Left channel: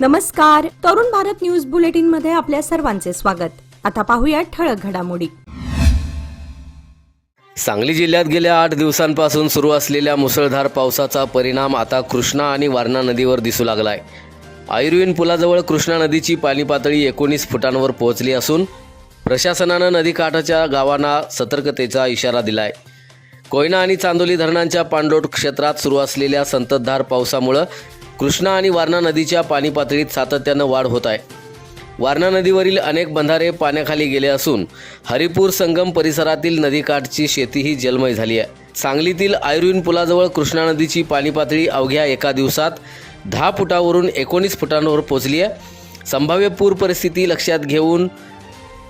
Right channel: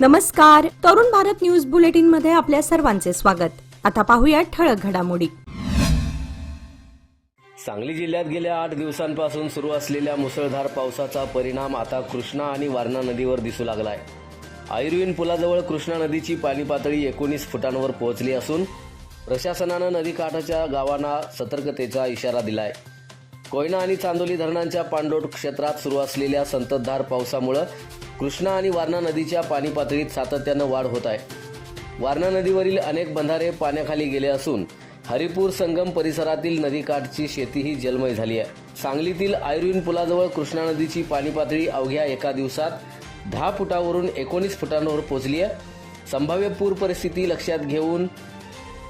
नमस्कार, Tarun Bharat news bulletin मध्ये आपल्या सर्वांचे स्वागत। आता पाहूया ठळक घडामोडी। सांगली जिल्ह्यात गेल्या 8 दिवसांपासून सुरू असलेल्या मुसळधार पावसाचा परिणाम आता कृष्णा आणि वारणा नदीवर दिसू लागलाय। आयुर्विन पुलाजवळ कृष्णा नदीची पाणी पातळी 19 फुटांवर पोहोचली असून प्रशासनानं नदीकाठाच्या गावांना सतर्कतेचा इशारा दिलाय। कोयना आणि चांदोली धरणांच्या पाणलोट क्षेत्रात सुरू असलेल्या संततधार पावसामुळे कृष्णा आणि वारणा नदीच्या पाणी पातळीत सातत्यानं वाढ होत आहे। वारणा नदीवरील अनेक बंधारे पाण्याखाली गेले असून हरिपूर संगम परिसरातील नदीकाठची शेतीही जलमय झाली आहे। सांगलीतील आयुर्विन पुलाजवळ कृष्णा नदीची पाणी पातळी अवघ्या एका दिवसात 10 फुटावरून 19 फुटांवर पोहोचली आहे। संभाव्य पूर परिस्थिती लक्षात घेऊन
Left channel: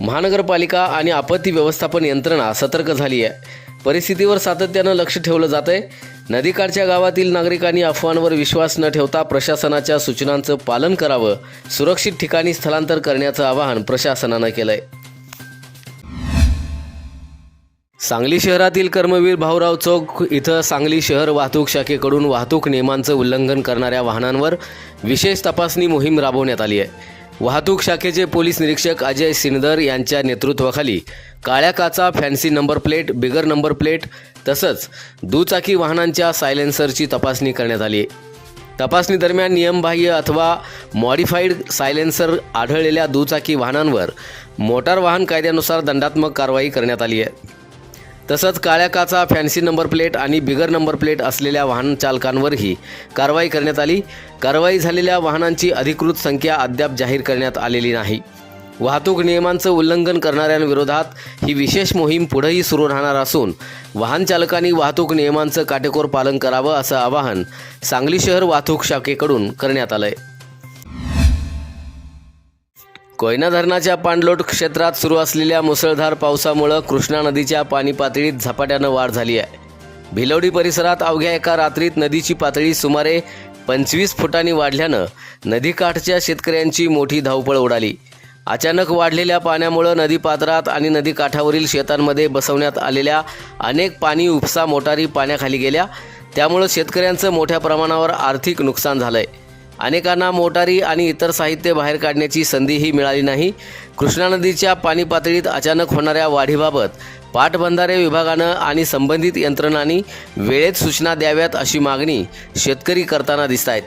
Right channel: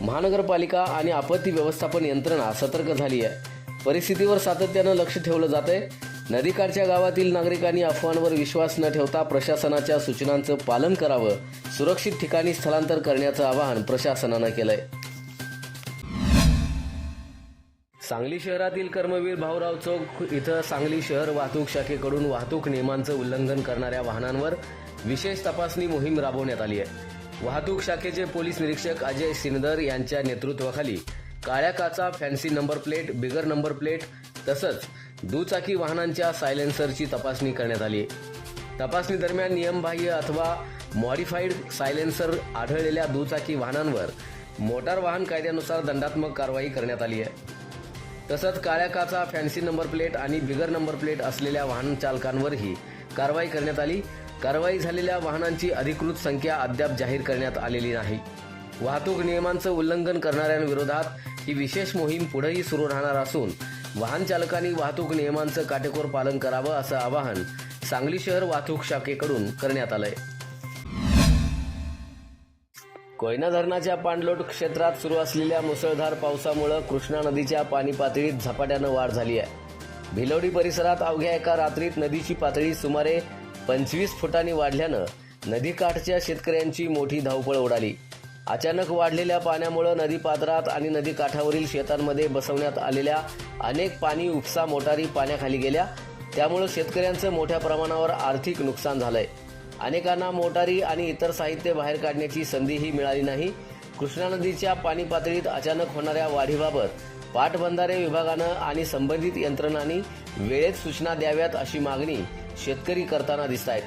महानगरपालिका आणि आपत्ती व्यवस्थापन यंत्रणा सतर्क झाली आहे। परिस्थितीवर सातत्यानं लक्ष ठेवलं जातंय। नदीकाठच्या गावातील नागरिकांनी अफवांवर विश्वास न ठेवता प्रशासनाच्या सूचनांचं पालन करावं, सुरक्षित ठिकाणी स्थलांतर करण्याचं आवाहन प्रशासनानं केलंय। सांगली शहरातील कर्मवीर भाऊराव चौक इथं सांगली शहर वाहतूक शाखेकडून वाहतूक नियमांचं उल्लंघन करणाऱ्या वाहनांवर विशेष तपासणी मोहीम राबवण्यात आली आहे। वाहतूक शाखेचे पोलीस निरीक्षक अजय सिनदर यांच्या नेतृत्वाखाली काळ्या काचा, fancy number plate, bigger number plate तसंच दुचाकी वाहनांच्या सायलेन्सरची तपासणी करण्यात आली। तपासणी दरम्यान नियमबाह्य अथवा मॉडिफाईड सायलेन्सर आढळलेल्या दुचाकी वाहनांवर मोटार वाहन कायद्यानुसार दंडात्मक कारवाई करण्यात आली आहे। तसंच काळ्या काचा, फॅन्सी नंबर प्लेट आणि बिगर नंबर प्लेट असलेल्या वाहन चालकांवरही कारवाई करण्यात आली। कारवाई झालेल्या वाहनांची अधिकृत संख्या अद्याप जाहीर करण्यात आलेली नाही। वाहतूक नियमांचं उल्लंघन करणाऱ्यांविरोधात ही विशेष मोहीम पुढेही सुरू राहणार असून वाहन चालकांनी वाहतूक नियमांचं काटेकोर पालन करावं असं आवाहन सांगली शहर वाहतूक शाखेकडून करण्यात आलंय। कोयना धरणाच्या पाणलोट क्षेत्रात सुरू असलेल्या मुसळधार पावसामुळे कृष्णा नदीच्या पाणी पातळीत झपाट्यानं वाढ झाली आहे। भिलवडी परिसरात अवघ्या एका रात्रीत नदीची पातळी सुमारे 25 फुटांनी वाढल्यानं नदीकाठच्या शेतकऱ्यांची मोठी धावपळ उडाली। अचानक वाढलेल्या पाण्यामुळे नदीपात्रात आणि नदीकाठावरील शेतांमध्ये बसवण्यात आलेल्या अनेक पाणी उपसा मोटारी पाण्याखाली गेल्या। त्यामुळे शेतकऱ्यांचं मोठ्या प्रमाणावर आर्थिक नुकसान झालंय। अनेकांना मोटारी आणि इतर साहित्य बाहेर काढण्याची संधीही मिळाली नाही। कृष्णा नदीच्या पाणी पातळीत अचानक होणाऱ्या वाढीबाबत पाटबंधारे विभागानं आणि संबंधित यंत्रणांनी वेळेत सूचना द्याव्यात अशी मागणी शेतकरी करताना दिसतायत।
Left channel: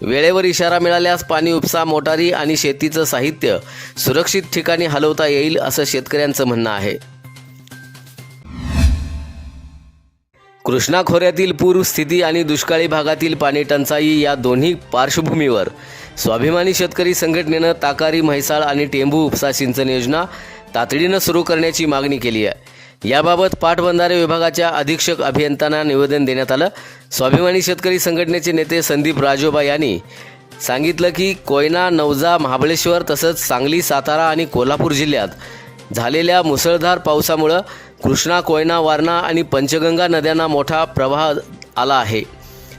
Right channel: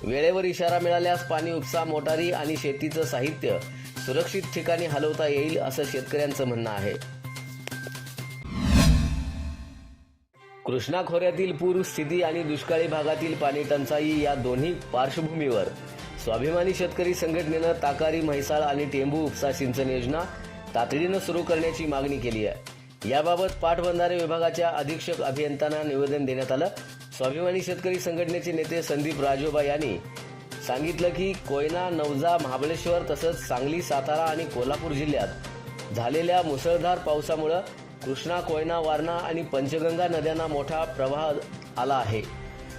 वेळेवर इशारा मिळाल्यास पाणी उपसा मोटारी आणि शेतीचं साहित्य सुरक्षित ठिकाणी हलवता येईल असं शेतकऱ्यांचं म्हणणं आहे। कृष्णा खोऱ्यातील पूर स्थिती आणि दुष्काळी भागातील पाणी टंचाई या दोन्ही पार्श्वभूमीवर स्वाभिमानी शेतकरी संघटनेनं ताकारी, म्हैसाळ आणि टेंभू उपसा सिंचन योजना तातडीनं सुरू करण्याची मागणी केली आहे। याबाबत पाटबंधारे विभागाच्या अधीक्षक अभियंत्यांना निवेदन देण्यात आलं। स्वाभिमानी शेतकरी संघटनेचे नेते संदीप राजोबा यांनी सांगितलं की कोयना, नवजा, महाबळेश्वर तसंच सांगली, सातारा आणि कोल्हापूर जिल्ह्यात झालेल्या मुसळधार पावसामुळे कृष्णा, कोयना, वारणा आणि पंचगंगा नद्यांना मोठा प्रवाह आला आहे।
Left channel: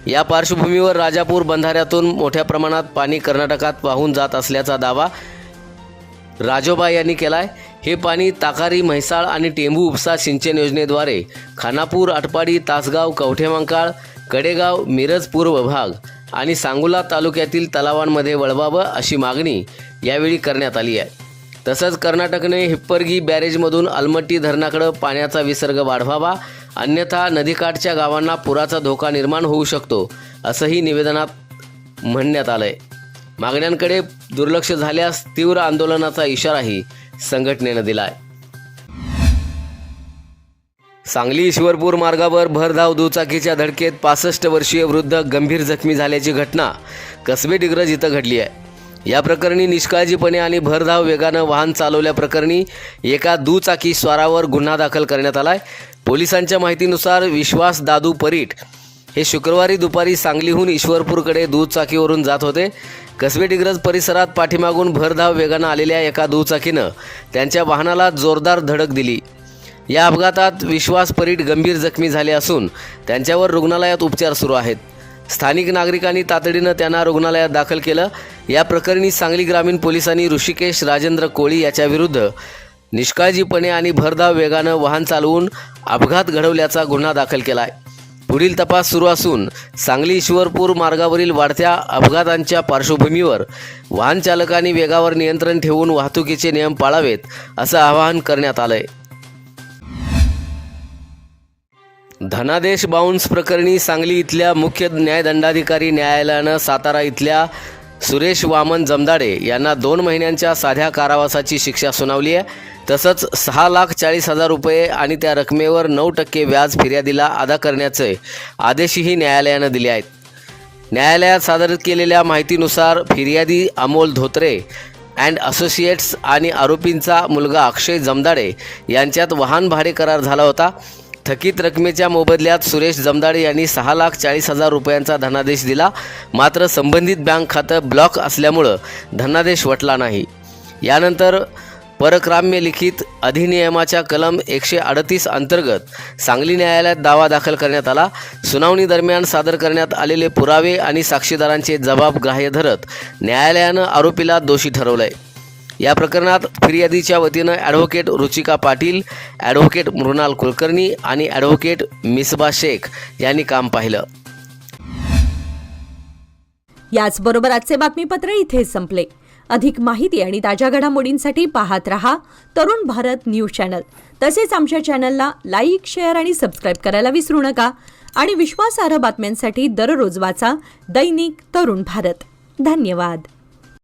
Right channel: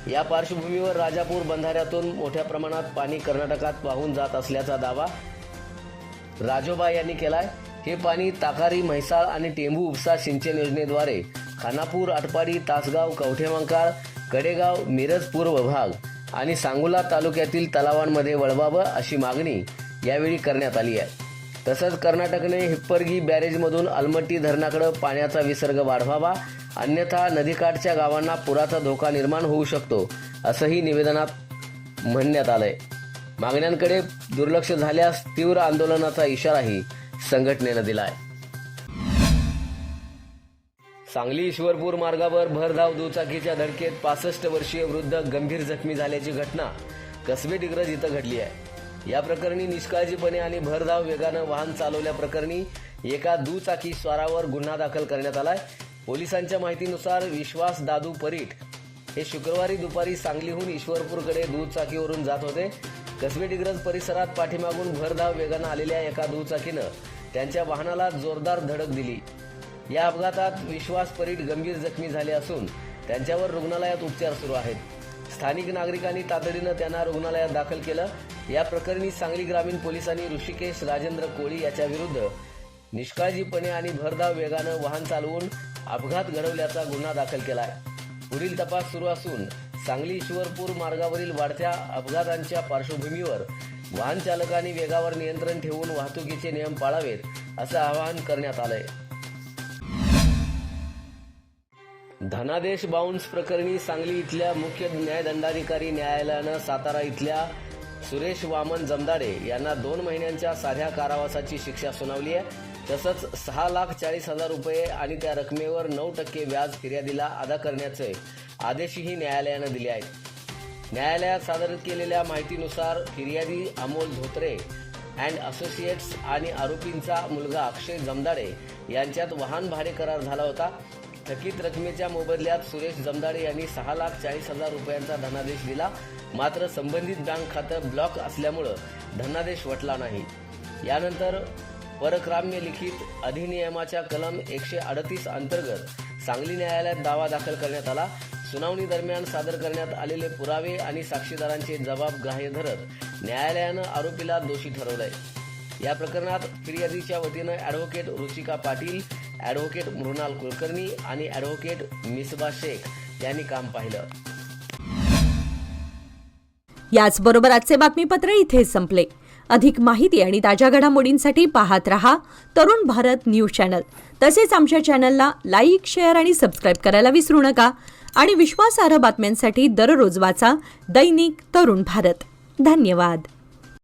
या पार्श्वभूमीवर राजापूर बंधाऱ्यातून मोठ्या प्रमाणात पाणी कर्नाटकात वाहून जात असल्याचा दावा राजोबा यांनी केलाय। हे पाणी ताकारी, म्हैसाळ आणि टेंभू उपसा सिंचन योजनेद्वारे खानापूर, आटपाडी, तासगाव, कवठेमंकाळ, कडेगाव, मिरज पूर्व भाग आणि सांगोला तालुक्यातील तलावांमध्ये वळवावं अशी मागणी यावेळी करण्यात आली आहे। तसंच कर्नाटकने हिप्परगी बॅरेजमधून अलमट्टी धरणाकडे पाण्याचा विसर्ग वाढवावा, अन्यथा नदीकाठच्या गावांना पुराचा धोका निर्माण होऊ शकतो असंही निवेदनात म्हणण्यात आलंय। मागण्यांकडे दुर्लक्ष झाल्यास तीव्र आंदोलनाचा इशाराही संघटनेनं दिलाय। सांगली ईश्वरपूर मार्गावर भरधाव दुचाकीच्या धडकेत 65 वर्षीय वृद्ध गंभीर जखमी झाल्याची घटना कसबे डिग्रज इथं घडली आहे। या प्रकरणी निष्काळजीपणे आणि भरधाव वेगानं वाहन चालवल्याप्रकरणी एका दुचाकी स्वारावर गुन्हा दाखल करण्यात आलाय। पोलिसांच्या माहितीनुसार विश्वास दादू परीट हे शुक्रवारी दुपारी सांगलीहून ईश्वरपूरकडे दुचाकीवरून जात होते। कसबे डिग्रज परिसरात पाठीमागून भरधाव वेगानं आलेल्या एका दुचाकीनं त्यांच्या वाहनाला जोरदार धडक दिली। या अपघातात विश्वास परीट गंभीर जखमी झाले असून त्यांच्यावर रुग्णालयात उपचार सुरू आहेत। स्थानिक नागरिकांनी तातडीनं त्यांना रुग्णालयात दाखल केलं। या प्रकरणी सांगली ग्रामीण पोलिसांनी ऋषिकेश राजेंद्र कोळी याच्याविरुद्ध निष्काळजीपणे आणि भरधाव वेगानं वाहन चालवून अपघात घडवल्याचा गुन्हा दाखल केला आहे। पुढील तपास सुरू असून सांगली ईश्वरपूर मार्गावरील वाढत्या अपघातांच्या पार्श्वभूमीवर वाहन चालकांनी वेगावर नियंत्रण ठेवून वाहतुकीचे नियम पाळावेत असं आवाहन करण्यात आलंय. धनादेश बाउन्स प्रकरणी सांगली इथल्या मुख्य न्यायदंडाधिकारी न्यायालयानं सातारा इथल्या सुरेश वामन जमदाडे यांना 2 महिन्यांच्या साध्या कारावासाची शिक्षा सुनावली आहे. तसंच 6,40,000 रुपये आणि त्या रकमेवर 9% व्याज फिर्यादीला अदा करण्याचे आदेशही न्यायालयानं दिले आहेत. न्यायालयात सादर केलेल्या माहितीनुसार फिर्यादी अमोल धोत्रे अँड असोसिएट्स आणि आरोपींचा मुलगा अक्षय जमदाडे यांच्यात वाहन भाडे करार झाला होता. थकीत रकमेच्या मोबदल्यात सुरेश जमदाडे यांनी 6,40,000 रुपयांचा धनादेश दिला. मात्र संबंधित बँक खातं ब्लॉक असल्यामुळं धनादेश वटला नाही. यानंतर परक्राम्य लिखित अधिनियमाच्या कलम 138 अंतर्गत सांगली न्यायालयात दावा दाखल करण्यात आला. सुनावणी दरम्यान सादर करण्यात आलेले पुरावे आणि साक्षीदारांचे जबाब ग्राह्य धरत न्यायालयानं आरोपीला दोषी ठरवलंय. या प्रकरणात फिर्यादीच्या वतीनं ॲडव्होकेट रुचिका पाटील, ॲडव्होकेट मृणाल कुलकर्णी आणि ॲडव्होकेट मिसबा शेख यांनी काम पाहिलं. याचबरोबर आजचे बातमीपत्र इथे संपले. अधिक माहिती आणि ताज्या घडामोडींसाठी पाहत रहा तरुण भारत न्यूज चॅनल. तसेच आमच्या चॅनलला लाईक, शेअर आणि सबस्क्राईब करायला विसरू नका. आणि विश्वासार्ह बातम्यांसाठी दररोज वाचा दैनिक तरुण भारत. धन्यवाद.